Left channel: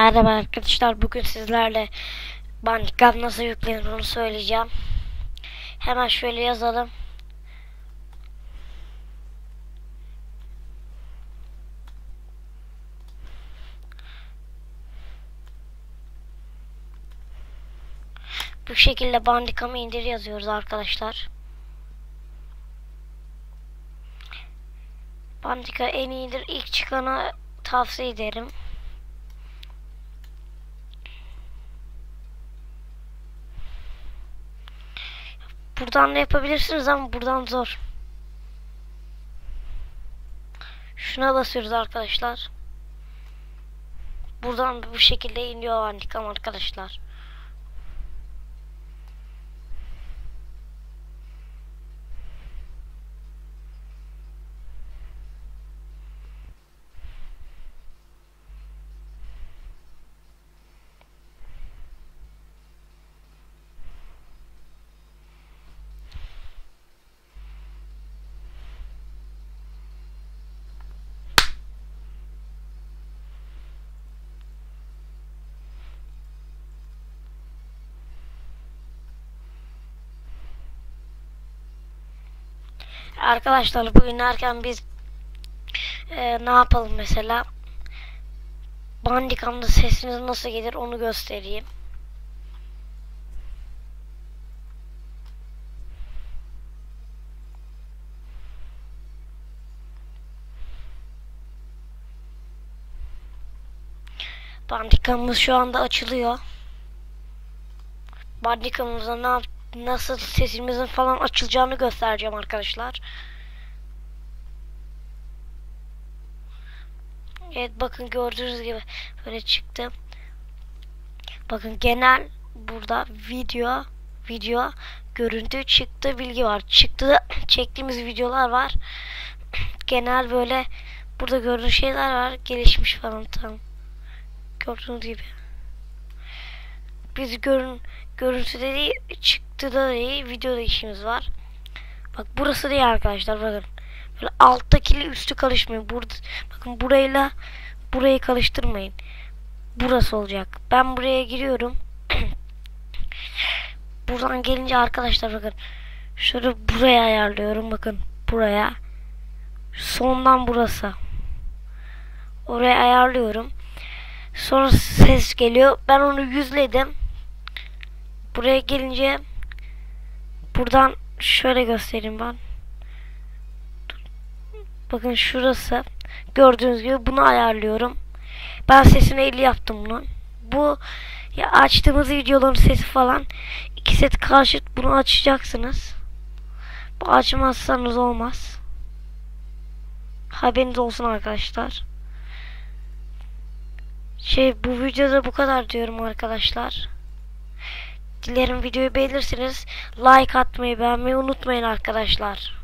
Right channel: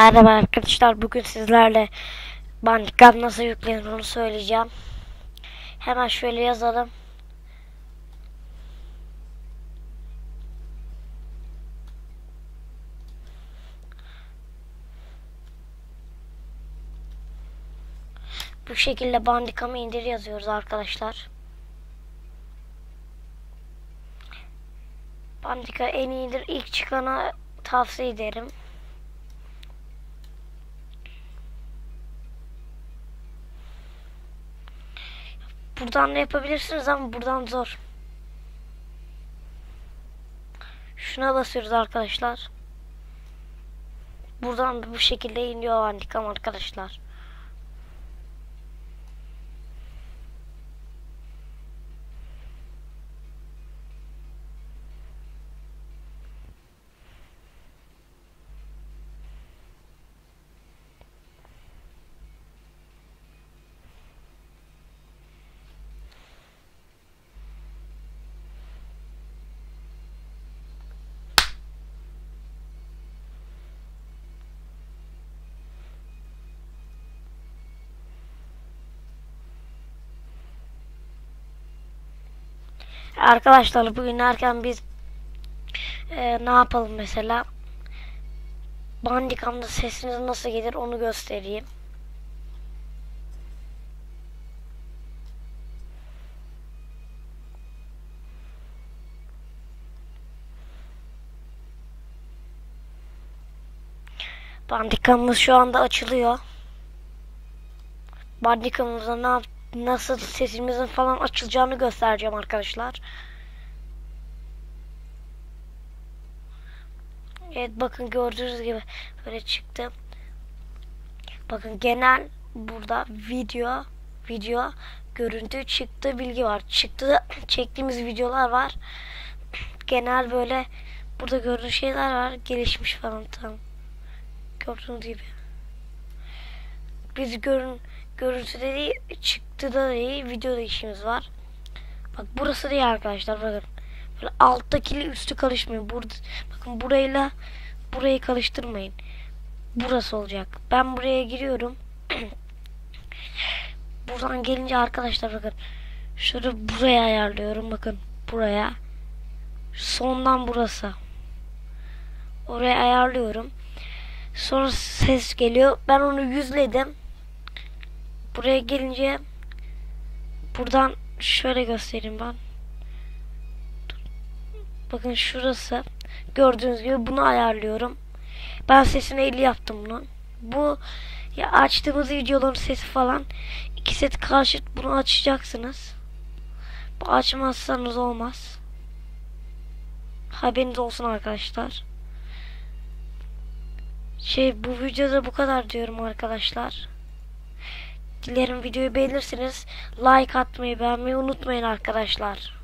Merhaba arkadaşlar, bugün sizlerle Bandicam nasıl yüklenir onu söyleyeceğim. Hemen şöyle yazalım. Bu şekilde Bandicam'ı indir yazıyoruz arkadaşlar. Bandicam en iyidir, ilk çıkana tavsiye ederim. Buradan da yapabilirsiniz ama buradan zor. Şuna basıyoruz arkadaşlar. Buradan bu şekilde iniyor Bandicam arkadaşlar. Arkadaşlar bugün erken biz ne yapalım mesela? Bandicam'da sesiniz nasıl gelir onu göstereyim. Bandicam'ımız şu anda açılıyor. Bandicam'ımıza nasıl sesimizin falan açılacağını göstereceğim arkadaşlar. Evet, bakın gördüğünüz gibi böyle çıktı. Bakın genel burada video görüntü çıktı, bilgi var. Çıktı çektiğimiz videolar var. Genel böyle burada gördüğünüz şeyler var. Gelişmiş falan tam. Gördüğünüz gibi. Biz görüntüde değil, çıktıda değil, videoda işimiz var. Bak burası değil arkadaşlar, bakın. Böyle alttakiyle üstü karışmayın. Bakın burayla burayı karıştırmayın. Burası olacak. Ben buraya giriyorum. Buradan gelince arkadaşlar bakın. Şöyle buraya ayarlıyorum, bakın. Buraya. Sondan burası. Oraya ayarlıyorum. Sonra ses geliyor. Ben onu yüzledim. Buraya gelince buradan şöyle göstereyim ben. Bakın şurası. Gördüğünüz gibi bunu ayarlıyorum. Ben sesini 50 yaptım bunun. Bu ya açtığımız videoların sesi falan 2 set karşıt, bunu açacaksınız. Bu açmazsanız olmaz. Haberiniz olsun arkadaşlar. Bu videoda bu kadar diyorum arkadaşlar. Dilerim videoyu beğenirsiniz. Like atmayı, beğenmeyi unutmayın arkadaşlar.